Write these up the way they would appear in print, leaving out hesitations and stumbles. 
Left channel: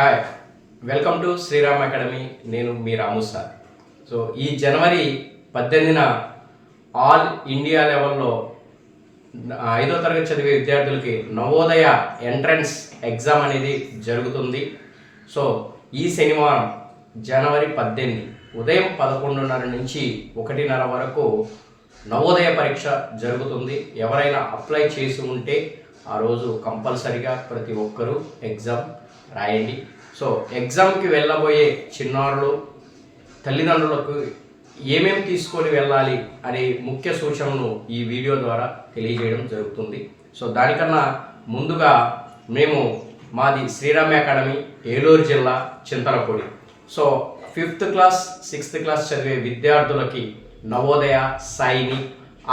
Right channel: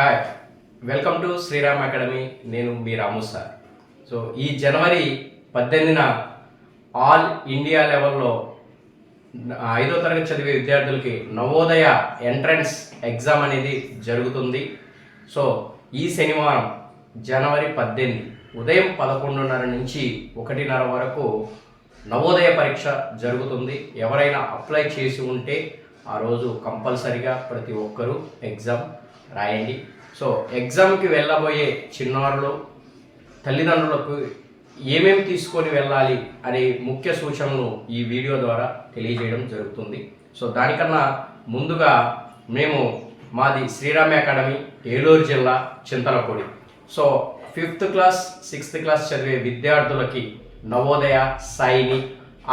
Hi, welcome to Sriram Academy. నేను మీ రాము sir. So ఈ జనవరి 18న ఆల్ ఇండియా లెవెల్లో 5వ తరగతి చదివే విద్యార్థులకి నవోదయ ఎంట్రన్స్ ఎగ్జామ్ అనేది జరుగుతుంది. సో ఈ శనివారం జనవరి 18 ఉదయం 11:30 నుంచి 1:30 వరకు నవోదయ పరీక్ష జరుగుతుంది. ఎవరైనా అప్లై చేసి ఉంటే ఆ రోజు కంపల్సరిగా ప్రతి ఒక్కరూ ఎగ్జామ్ రాయండి. సో ఎగ్జామ్కి వెళ్ళబోయే చిన్నారులు తల్లిదండ్రులకు ఏమేమి తీసుకొని వెళ్ళాలి అనే ముఖ్య సూచనలు ఈ వీడియో ద్వారా తెలియజేయడం జరుగుతుంది. సో దానికన్నా ముందుగా మాది శ్రీరామ్ అకాడమీ, ఏలూరు జిల్లా, Chintalapudi. So 5th class 6th class చదివే విద్యార్థులకి నవోదయ, సైనిక్,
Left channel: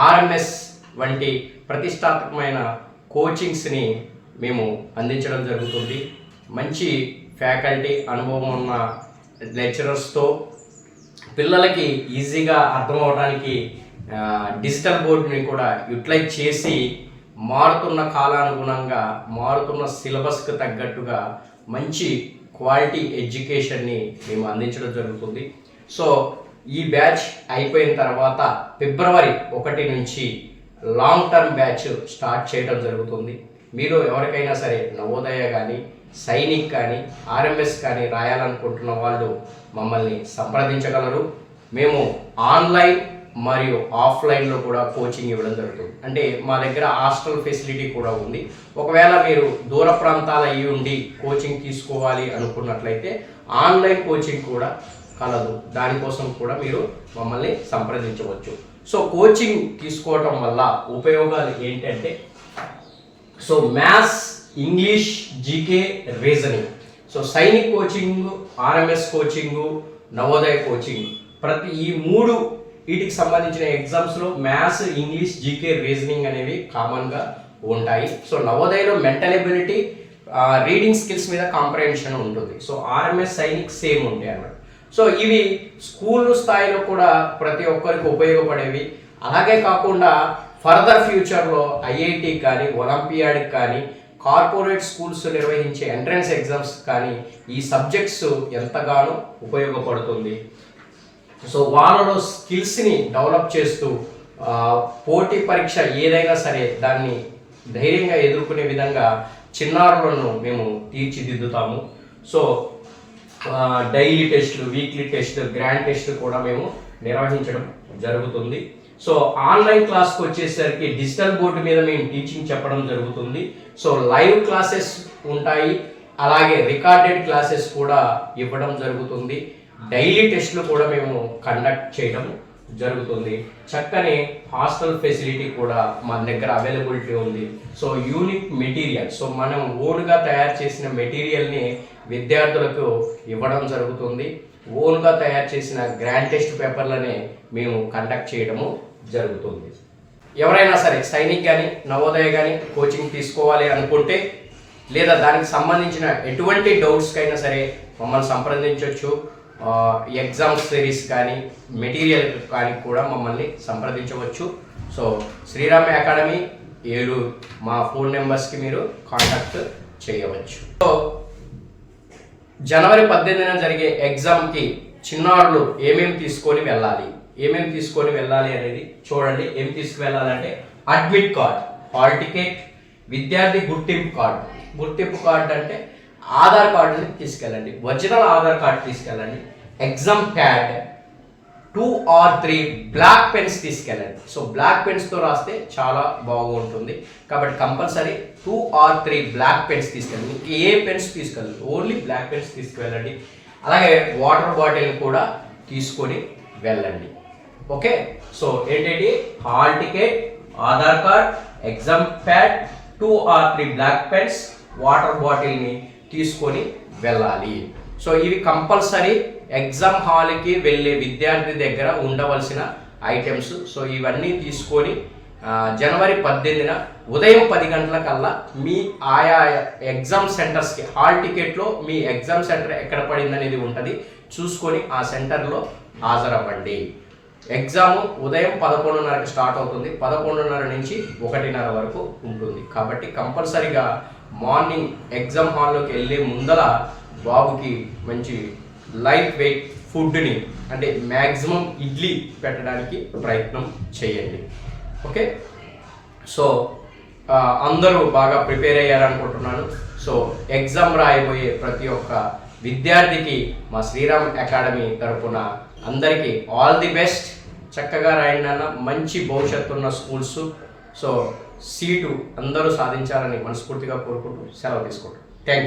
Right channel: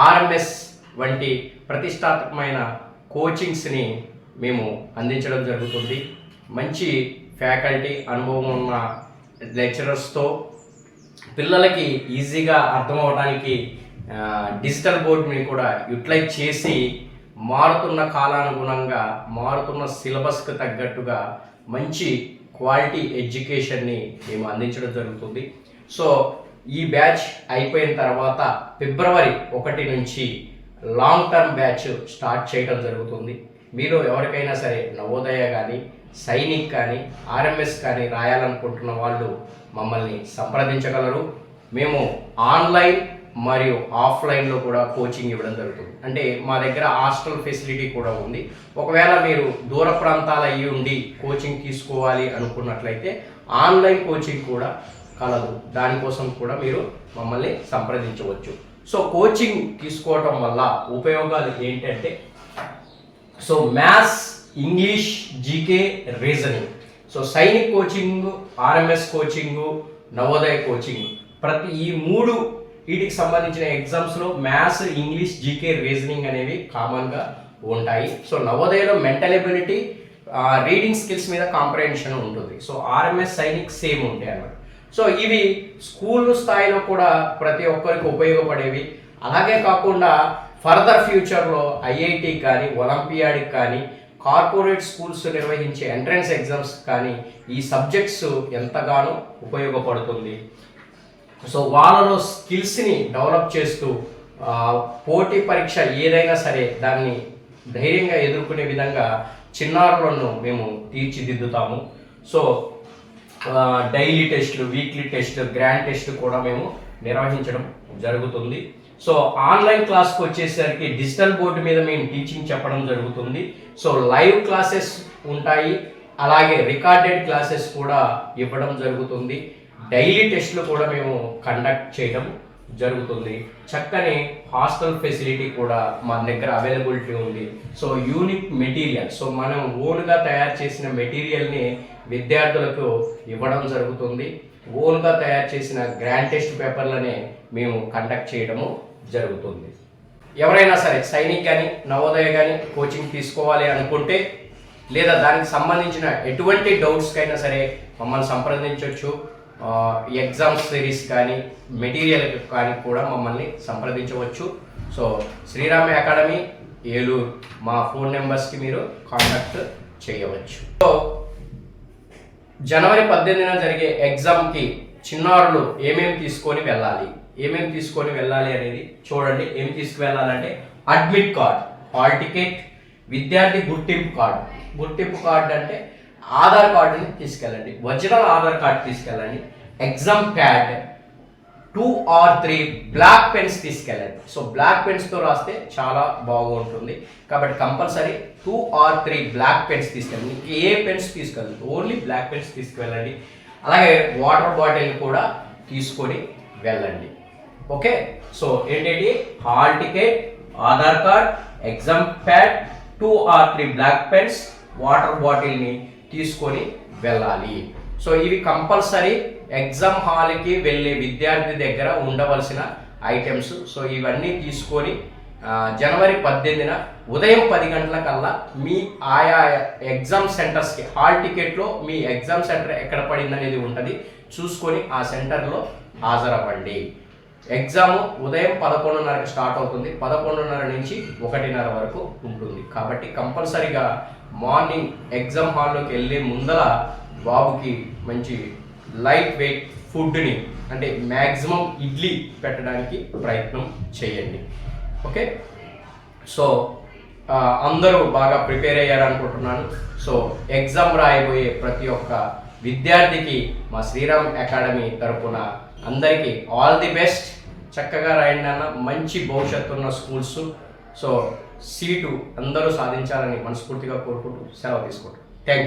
ఆర్ఎంఎస్ వంటి ప్రతిష్టాత్మకమైన కోచింగ్స్ని మేము అందించడం జరుగుతుంది. మంచి ఫ్యాకల్టీ, అనుభవం ఉన్న లెక్చరర్స్తో పిల్లలకి ఈజీగా అర్థమవడానికి డిజిటల్ బోర్డుని కూడా యూటిలైజ్ చేసి మారుతున్న కాలానుగుణంగా మారుతున్న సిలబస్కి తగ్గట్టుగా మంచి క్వాలిటీ ఎడ్యుకేషన్ని మేము అందించడం జరుగుతుంది. సో ఈ బ్యాచ్ అయిపోయిన తర్వాత ఫిబ్రవరి 1 నుంచి లాంగ్ టర్మ్ బ్యాచ్ స్టార్ట్ చేయడం జరుగుతుంది. మీరు ఎవరికైనా సరే నవోదయ కానీ, సైనిక్ కానీ, ఆర్ఎంఎస్ కానీ రాయాలనుకుంటున్న వాళ్ళు మమ్మల్ని సంప్రదించగలరు. మేము ఆన్లైన్ మరియు ఆఫ్లైన్లో కూడా కోచింగ్ ఇవ్వడం జరుగుతుంది. అంటే మా దగ్గర హాస్టల్ ఫెసిలిటీ కూడా ఉంది. ఒకవేళ మీరు దూర ప్రాంతాల అయ్యి ఉండి కోచింగ్ తీసుకోవాలి అనుకున్నట్లయితే ఆన్లైన్ కోచింగ్ కూడా కలదు. దానికోసం కూడా మీరు మమ్మల్ని సంప్రదించవచ్చు. సో కోచింగ్ తీసుకోవటం వల్ల ఉపయోగాలు ఏంటంటే, so maths, English, GK, reasoning. So Sainik coaching, RMS coaching, Navodaya coaching, ప్రతి ఈ 3 వీటికి సంబంధించిన ఎగ్జామ్స్లో మ్యాథ్స్, ఇంగ్లీష్, జీకే, రీజనింగ్ అనేవి కామన్గా ఉంటాయి. సో నవోదయలో మెంటల్ ఎబిలిటీ, రీడింగ్ స్కిల్స్ మీద కాంప్రహెన్షన్ ఉంటుంది. సో ఆర్ఎంఎస్, సైనిక్ సేమ్ ఉంటాయి అన్నమాట. సో ఇవి స్కూల్ స్థాయిలో కూడా ప్రతి ఒక్కరికి ఉపయోగపడేవి. అలాగే కాకుండా ఫర్దర్ ఫ్యూచర్లో ఐఐటి కానీ, ఒలింపియాడ్కి కానీ, కార్పొరేట్ స్కూల్స్ నిర్వహించే ఎంట్రన్స్ ఎగ్జామ్స్ కానీ ఈ సబ్జెక్ట్స్ ఎంతగానో ఉపయోగపడుతుంది. సో వాళ్ళలో స్కిల్స్ని డెవలప్ చేస్తూ పోటీ పరీక్ష ఏదైనా సరే దాన్ని ధైర్యంగా ఎదుర్కొనే విధంగా చిన్నారులను మేము తీర్చిదిద్దుతాము. సో డైలీ టెస్టులు, వీక్లీ టెస్ట్, గ్రాండ్ టెస్ట్ కూడా మేము నిర్వహించడం జరుగుతుంది. సో ఆన్లైన్ క్లాస్కి వచ్చేసరికి డిజిటల్ బోర్డు మీద మేము టీచింగ్ చెప్పడం జరుగుతుంది. సో లైవ్ క్లాసెస్ ఉంటాయి, అలాగే రికార్డెడ్ క్లాసెస్ కూడా ఇవ్వడం జరుగుతుంది. డైలీ టెస్టులు కూడా మేము కండక్ట్ చేయడం జరుగుతుంది. చక్కని హాస్టల్ ఫెసిలిటీ కూడా మా దగ్గర అవైలబిలిటీ ఉంది. సో యూనిక్ మెటీరియల్, సో మనం ఓన్గా తయారు చేసిన మెటీరియల్ని విద్యార్థులకు ఇవ్వడం జరుగుతుంది. ఓన్గా తయారు చేసిన గ్రాండ్ టెస్ట్ పేపర్లనే మేము కండక్ట్ చేయడము జరుగుతుంది. ఎవరైనా సరే సైనిక్ కానీ, నవోదయ కానీ కోచింగ్ తీసుకోవాలి అనుకుంటే, లేదా దానికి సంబంధించిన ఎటువంటి డౌట్స్కైనా సరే మమ్మల్ని సంప్రదించవచ్చు. ఎగ్జామ్ సిరీస్ కానీ, మెటీరియల్ కానీ కూడా మమ్మల్ని సంప్రదించవచ్చు. సో శ్రీరామ్ అకాడమీ, ఏలూరు, మా ఫోన్ నెంబర్స్కి మీరు కాంటాక్ట్ చేయవచ్చు. సో జనవరి 18న జరిగే ఎగ్జామ్కి చిన్నారులు ఏమేమి తీసుకొని వెళ్ళాలి అనేది చూడండి. ఏం తీసుకువెళ్ళాలంటే అడ్మిట్ కార్డ్, హాల్ టికెట్, విద్యార్థి గుర్తింపు కార్డు అంటే ఆధార్ కార్డుని తీసుకెళ్ళండి, ఒరిజినల్ ఆధార్ కార్డు తీసుకెళ్ళండి, exam pad, 2 or 3 black pens తీసుకెళ్ళండి. సో బ్లాక్ పెన్స్తో రాస్తే చాలా బాగుంటుంది కాబట్టి కంపల్సరీ 2 or 3 బ్లాక్ పెన్స్ తీసుకెళ్ళండి. మీకు ఏ పెన్స్ తీసుకెళ్ళండి, ఓన్లీ బ్లాక్ పెన్స్ తీసుకువెళ్ళండి. అలాగే వాటర్ బాటిల్ కూడా తీసుకొని వెళ్ళండి. ఓకే, సో ఏంటంటే hall ticket, Aadhaar card, exam pad, 2 or 3 black pens, water బాటిల్ని తీసుకొని వెళ్ళాలి. సో ఇవి కంపల్సరీ ఎగ్జామ్ హాల్కి వెళ్ళే విద్యార్థి దగ్గర ఉండవలసిన ఐటమ్స్. సో ఇవన్నీ తీసుకొని జనవరి 18న ఉదయం 10 గంటలకల్లా మీ ఆయా ఎగ్జామ్ సెంటర్స్కి, హాల్ టికెట్లో మీ ఎగ్జామ్ సెంటర్ ఎక్కడ పడింది అనేది ఉంటుంది, చూసుకొని ఆ సెంటర్లో హాజరవ్వండి. ఎగ్జామ్ ఉదయం 11:30కి స్టార్ట్ అవుతుంది. 11:30 నుంచి 1:30 వరకు ఉంటుంది. కాబట్టి కంపల్సరీగా మార్నింగ్ ఎగ్జామ్ హాల్లోకి వెళ్ళే ముందర బాబుకి మంచి లైట్ వెయిట్ ఫుడ్ని అంటే మ్యాక్సిమం ఇడ్లీ పెట్టడానికి ప్రయత్నం చేయండి. ఓకే, సో అందరూ బాగా ప్రిపేర్ అయ్యారనుకుంటున్నాను. సో ఎగ్జామ్ రాయబోయే ప్రతి ఒక్క విద్యార్థికి మా శ్రీరామ్ అకాడమీ తరపున అందరికీ ఆల్ ది బెస్ట్. చక్కగా రాయండి అన్న, మంచి భవిష్యత్తు ఉన్న స్కూల్స్. సో సీటు అందరూ సాధించాలని మనస్ఫూర్తిగా కోరుకుంటూ సెలవు తీసుకుంటాం. Thank you.